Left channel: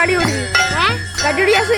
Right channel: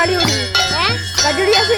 গাড়ি উড়ি গাড়ি উড়ি আছে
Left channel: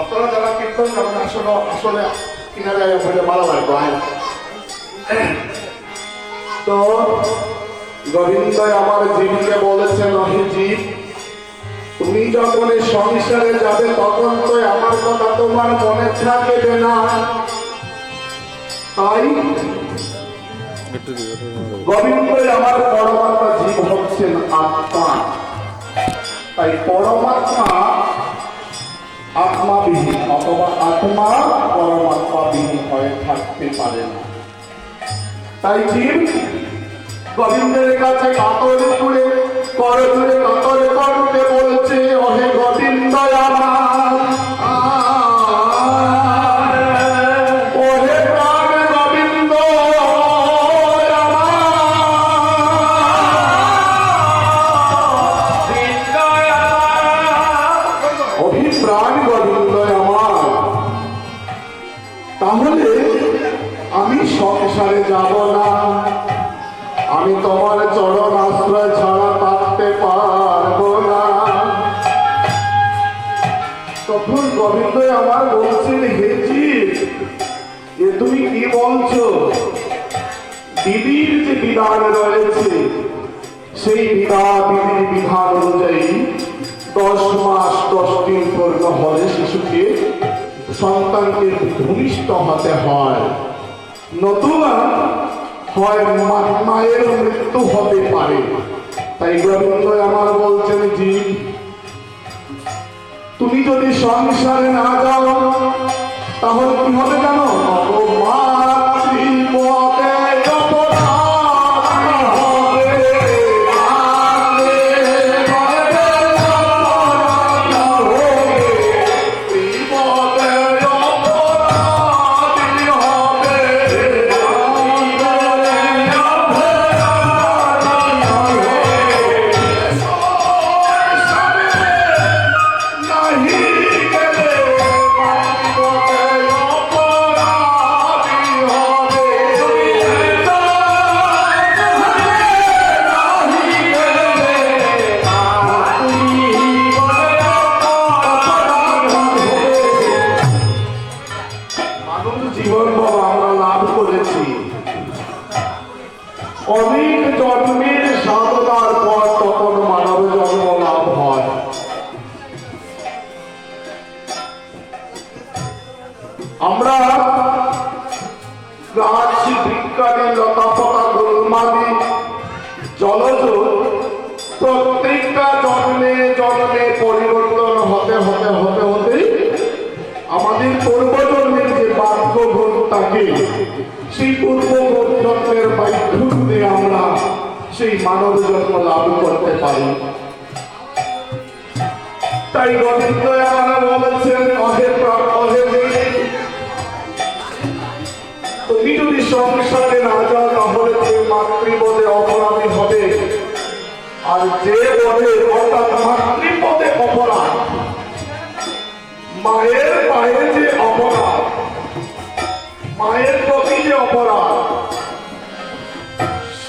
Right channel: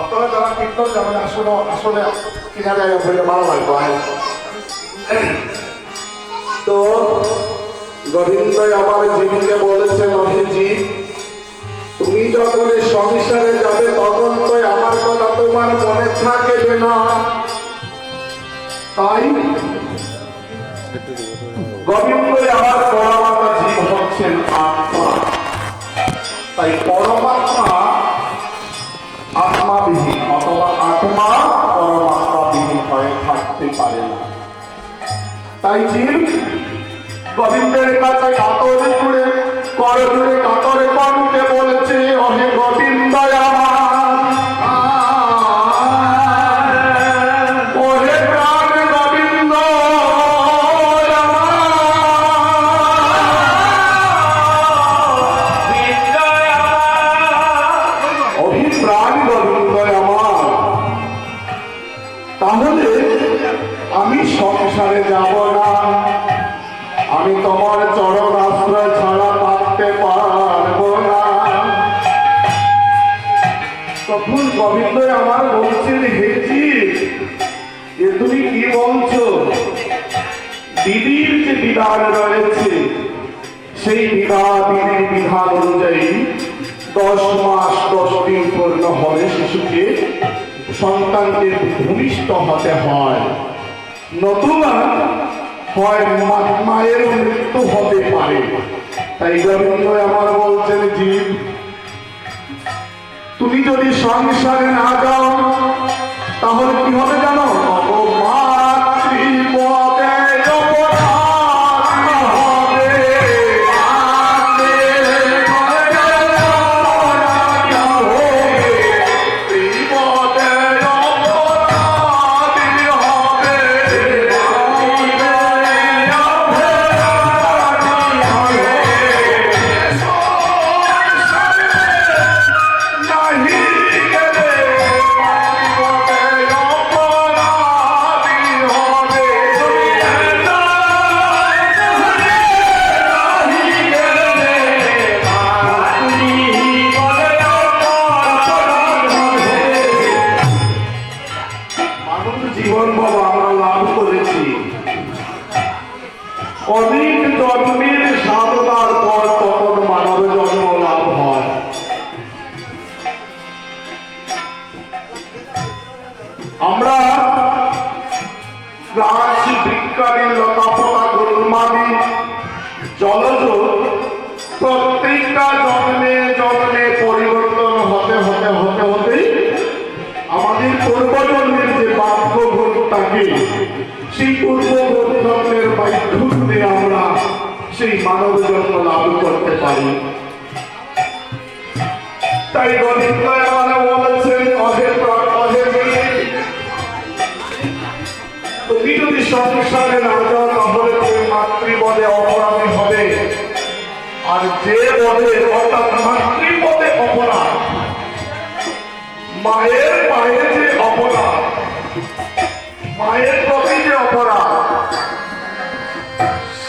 আপনারা যারা কীর্তন যাবেন আসলে আসলে কিনারে ফিরে ভালো লাগবে। তো গোবিন্দ আমার জীবকে বলেছেন অহে জীব তুমি যখন এই সংসারে যাবে তখন তো আমার কথা তোমার মনে থাকবে না। তাই গোবিন্দই আমার পরমাত্মা, জীব হচ্ছেন আত্মা। তাই পরমাত্মা আত্মাবিহীন অথবা আত্মা পরমাত্মাবিহীন হয়ে থাকতে পারে না। তাই জীব গোবিন্দের কাছে কাতরে জুড়ে কর জুড়ে কাতরে কণ্ঠে বলছে, অহে গোবিন্দ আমার, ওহে প্রাণ গোবিন্দ অভিপ্রাণ গোবিন্দ আমার। তাহলে আমি সংসারে যাব না, আমি তোমার চরণ আশ্রয় ছাড়া থাকতে পারবো না। তখন গোবিন্দ আমার বলছেন, হে জীব, এ তুমি কি বলছো? বিধির যে বিধান রয়েছে সেই বিধির বিধান অনুযায়ী 10 মাস 10 দিন পূর্ণ হলে শিশুকে সন্তানকে ভূমিষ্ঠ হতে হয়, নতুবা হয় মায়ের মৃত্যু হতে পারে। তাই গোবিন্দ আমার বলছেন, জীব তুমি যদি সংসারে না যাও তাহলে কি হবে জানো? মাতৃপদে অপরাধ হবে, বিপদে অপরাধ হবে। জীবন বাবা আমরা লাভ করেছি, অনেক জন্মের সাধনার পর তখন মানব জন্ম লাভ হয়। আমরা গাছ বিজ্ঞানী লতাপাতা গুলমাদি জলজ প্রত্যেকটা জন্মে জন্মে পরিবর্তন হতে হতে হতে হতে আমাদের পূর্বজন্মের যে বাক্যগুণ থাকে সেই পূর্বজন্মের বাক্যগুণে আমরা সেই মানব জন্ম লাভ করতে পারি। তাই গোবিন্দ আমার বলেছেন, অহে প্রাণ অহে জীব, তুমি যদি সংসারে না যাও তাহলে তুমি মাতৃপদে অপরাধী হবে। আর যে বলে অর্থাৎ মাতৃপদে অপরাধ, মায়ের পায়ে যে অপরাধ, মায়ের প্রতি যে অপরাধ,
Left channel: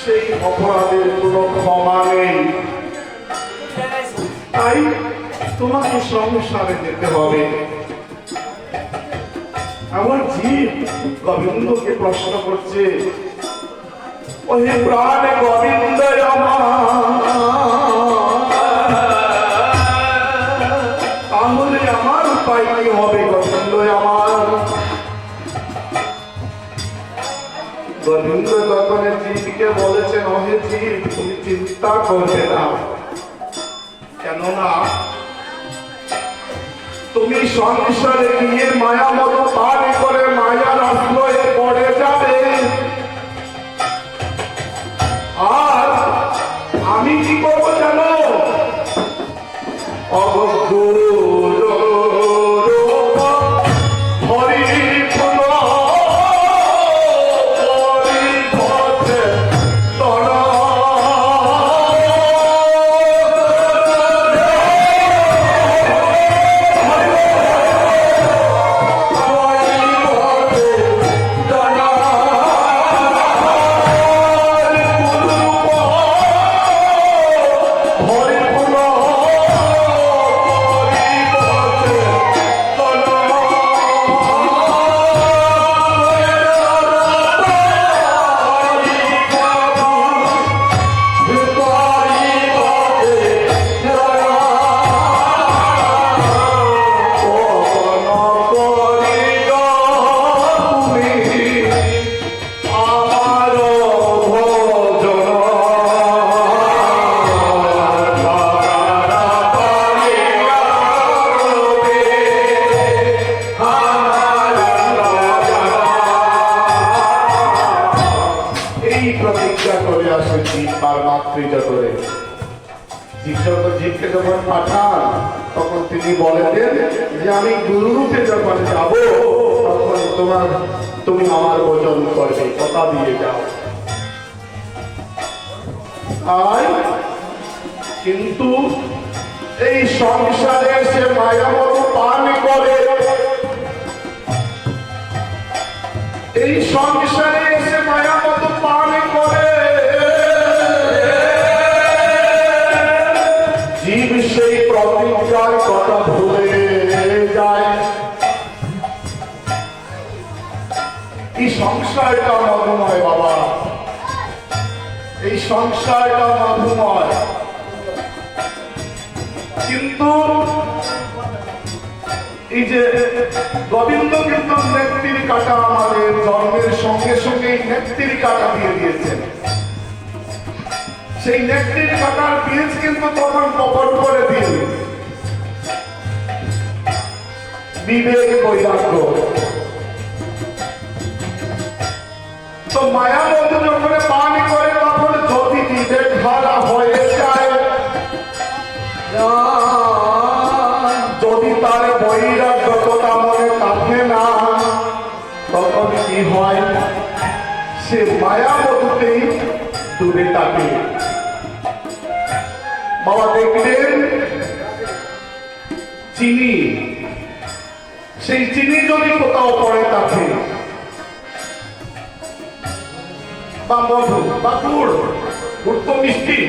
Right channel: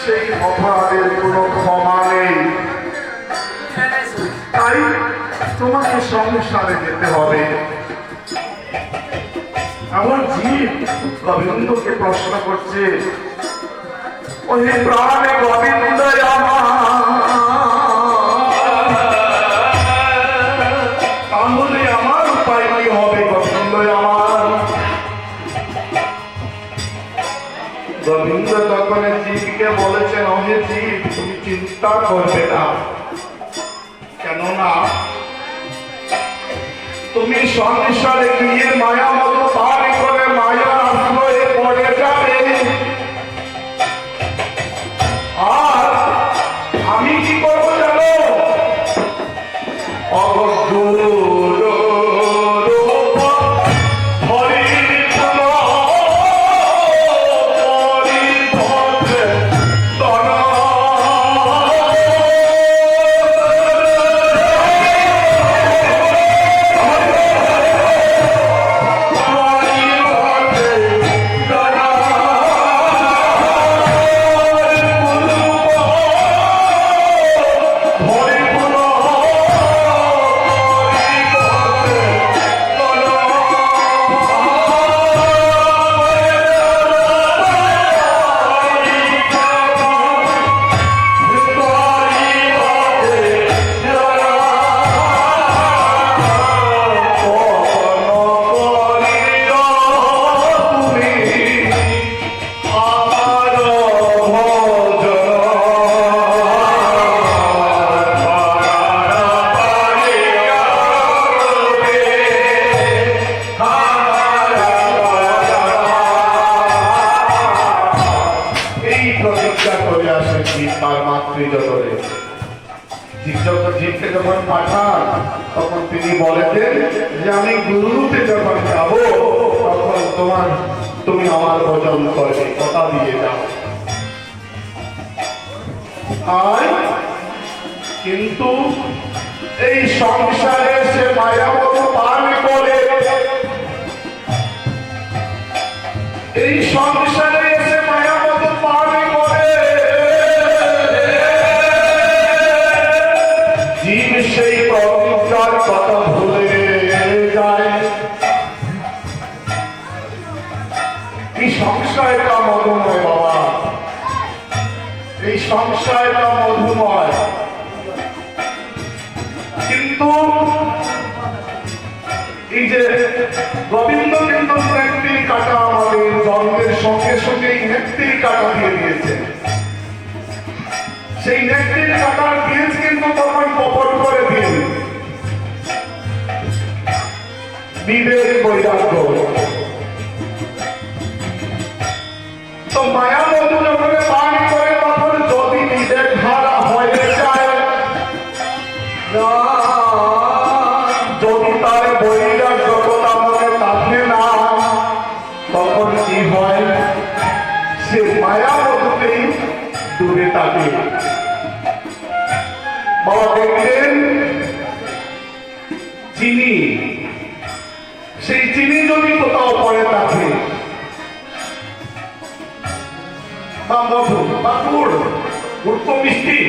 সেই অপরাধের কোনো ক্ষমা নেই। তাই তোমাকে সংসারে যেতে হবে। আমার জীব গোবিন্দকে প্রশ্ন করছে, ওহে প্রাণ গোবিন্দ তাহলে আমার উপায় কি হবে গোবিন্দ আমার? গোবিন্দ তখন জীবকে বলেছেন, ওহে জীব তুমি চিন্তা করবে না, কেননা তুমি সংসারে গিয়ে মায়া মতো পারি করে মায়ার আশ্রয়ে পড়ে যাবে। আর আমি কি করবো জানো? এই প্রতিজ্ঞা করে আসে জীব তার মাতৃজগরে। জীবকে যখন পাঠান তখন তিনি বলেছেন যে আমি গুরুরূপে যখন যাব তখন তুমি আমার ভজন করবে, কথা দিয়ে যাও। আর কিন্তু এই সংসারে সে মায়ামত পান করে, এই সংসারে এসে মায়ামত পান করে জীব সেই প্রতিজ্ঞার কথা ভুলে যায়। এই সংসারটা মধুময় বাবা, এই সংসারটা মধুময়, কিন্তু এই যে গোবিন্দ কিন্তু নেত্রী কাটা আমাদের জন্মের সঙ্গে সঙ্গে নেত্রী কাটা দিয়ে দিয়েছে। সেই নেত্রীর কাটার বীজ কিন্তু তখন প্রকট করে দিয়ে বিবেক বৈরাগ্য। তো মায়া মধু যখন পান করে তখন যদি বিবেক ধারা হয়ে যায়, যদি তার বৈরাগ্যতা মনে থাকে না, তখন কি হয়, সে মায়া মধুতেই ডুবে থাকে। বাবা দেখলেন চিনি, সেই চিনি যদি কোথাও পড়ে থাকে বা মধু বা গুড়, গুড় তো মিষ্টি,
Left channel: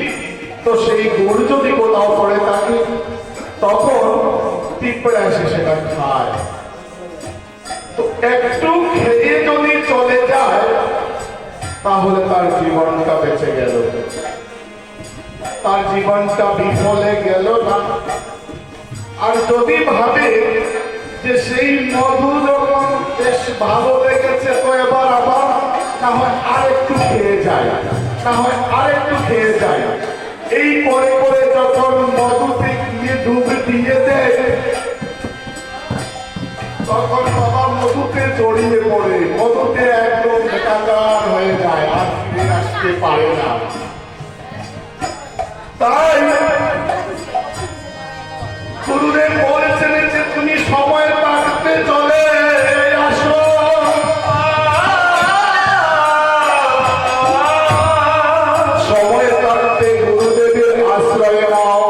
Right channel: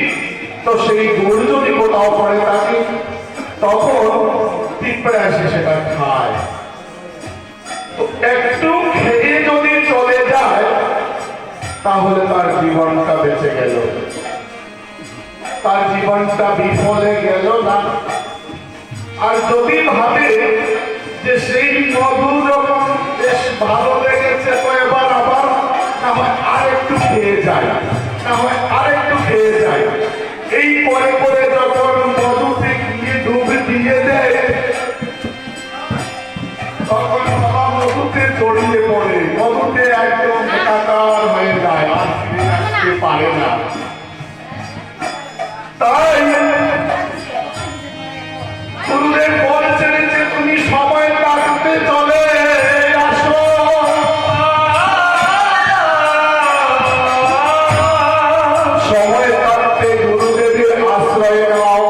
তো সেই গুড় যদি কোথাও পড়ে থাকে তখন পিঁপড়ে আসে সেটা খায়। তো একটু খেয়ে যদি চলে যায় তাহলে তার জীবনটা বেঁচে গেল, তার জীবনটা বিফলে গেল না। আর যদি ভাবে যে সেই মধু যখন বেশ ভালো লেগেছে তো এবার আবার না হয় আরেকটু খেয়ে যায়, না হয় আরেকটু খেয়ে যায়, এই পরে পরে যখন মধুতে গিয়ে ডুবে দিয়ে দেয় তখন বাবা মধুতে জড়িয়ে পড়ে, মধুতে একদম একাকার হয়ে যায়, আর ফিরে আসতে পারে না। তাই গুরুদেব বলছেন যে তুমি সময় কাটাতে চলে আসো, সময় কাটতে গুরুদেবের আশ্রয় নাও,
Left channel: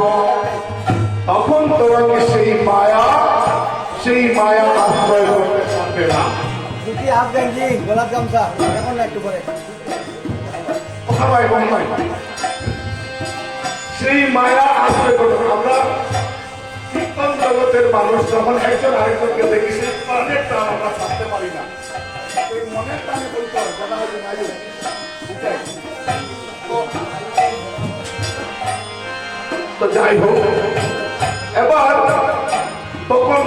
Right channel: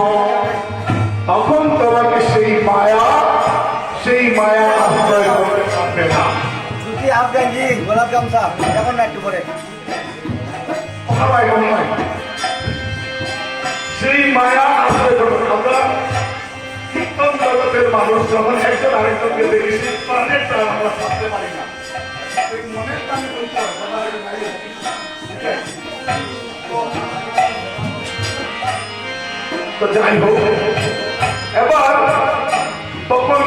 তখন তোমাকে সেই মায়া আশ্রয় করতে পারবে না। দুটি হাফ গেঞ্জি গোলাপ গামছা এখন না একটু করে সেই মায়া আশ্রয় করবে। আমরা কীর্তন জগতের মানুষ যখন একজন আরেকজনকে দেখি সেই প্রাণের প্রাণ আমরা ছাড়তে পারি না, সেই মনের প্রাণে বলতে হবে তো যাই হোক, এবার তখন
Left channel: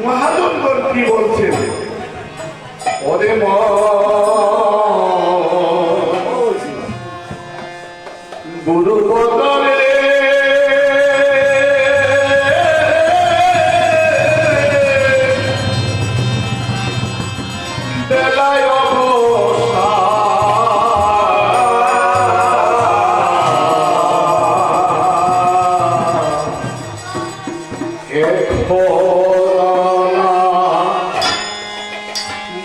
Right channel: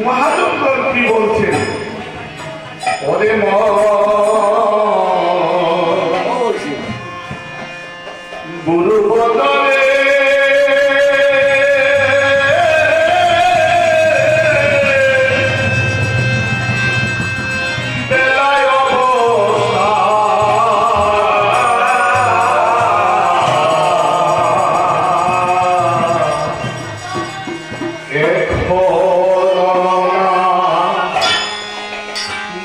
মহাজনগণ কি বলছেন, ওরে গুরুর বদলে বেলায় অবস্থা এক হলো না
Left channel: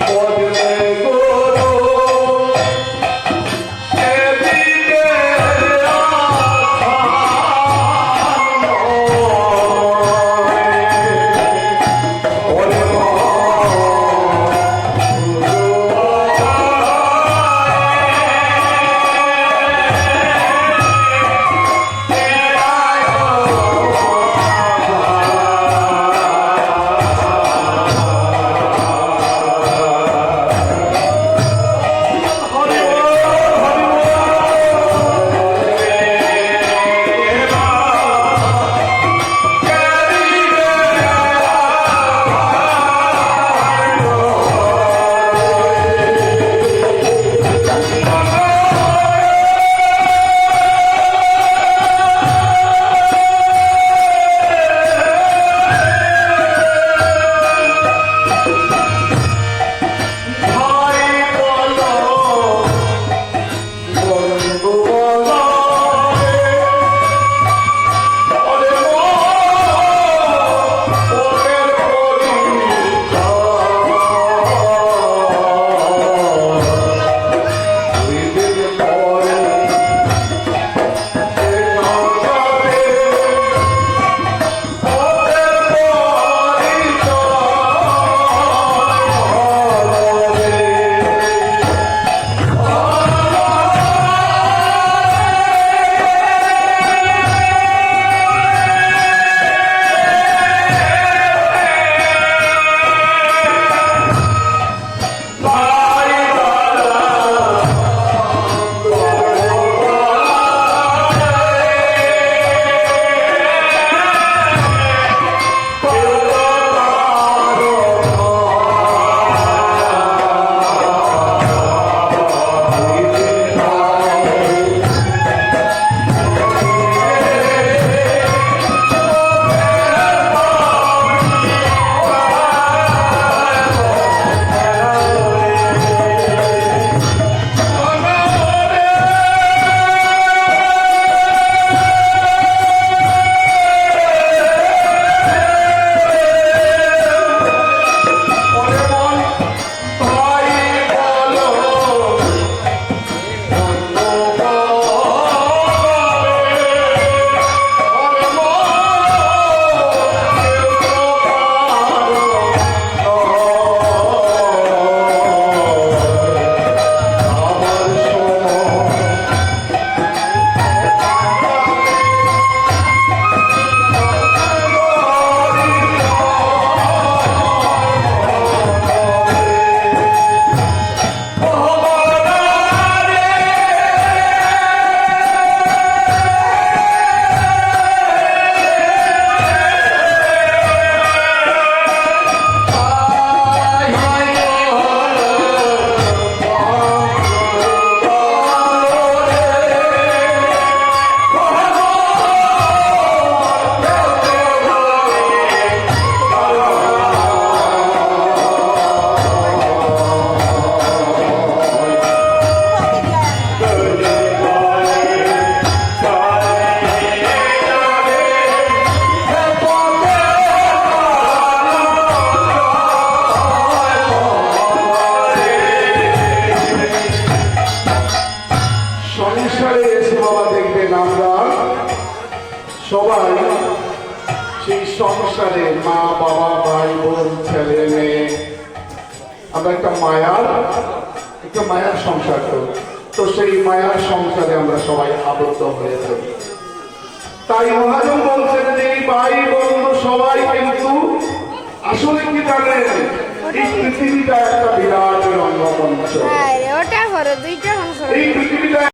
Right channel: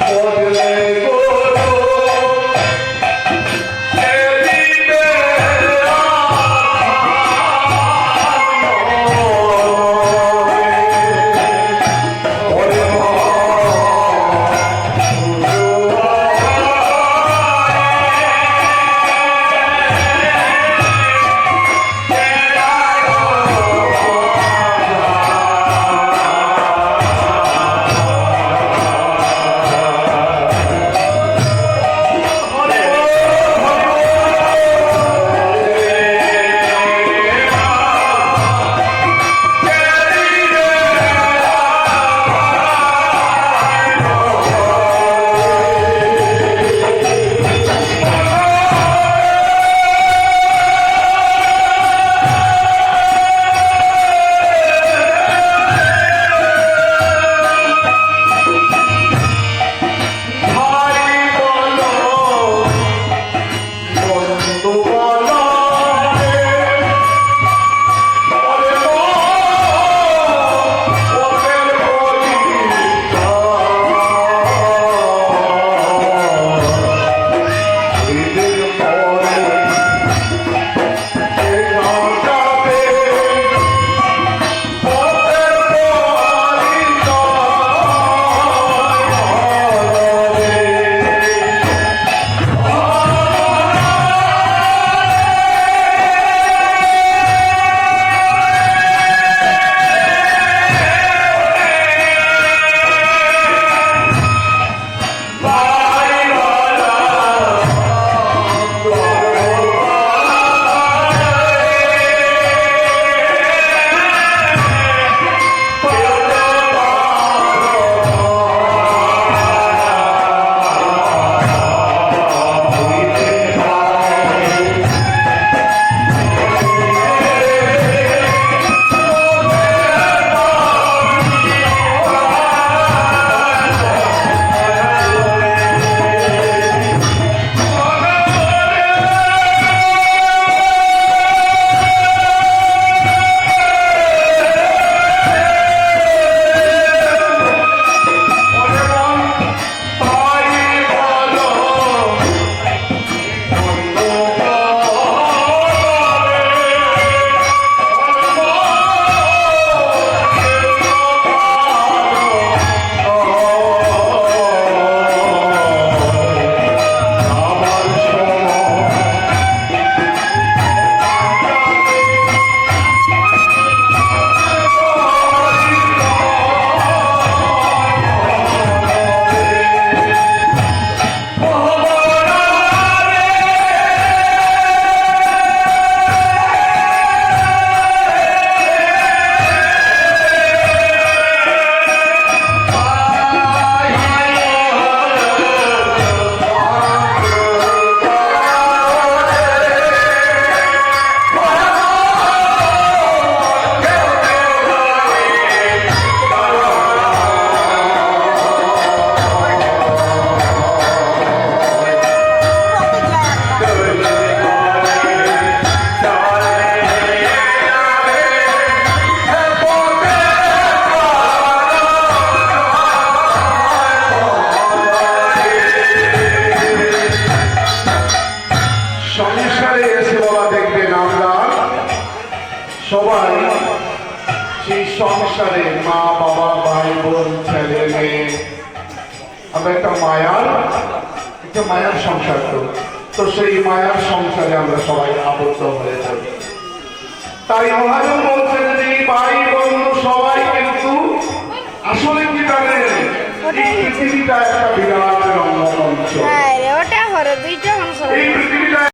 বদলে গুরু সবাই সেই সংসারে মা বাবা ভাই বোন ছেলে মেয়ে আমরা একটা মায়ার সংসার তো সেই মায়ার সংসারে আমরা সবাই আবদ্ধ হয়ে চলি। তাই মহাজন বলছেন যে এই ভাই বোন সবাই কিন্তু আসলে কি জানেন এই পৃথিবীটা একটা বিরাট রঙ্গমঞ্চ। ওটা করো দুইটা করো এই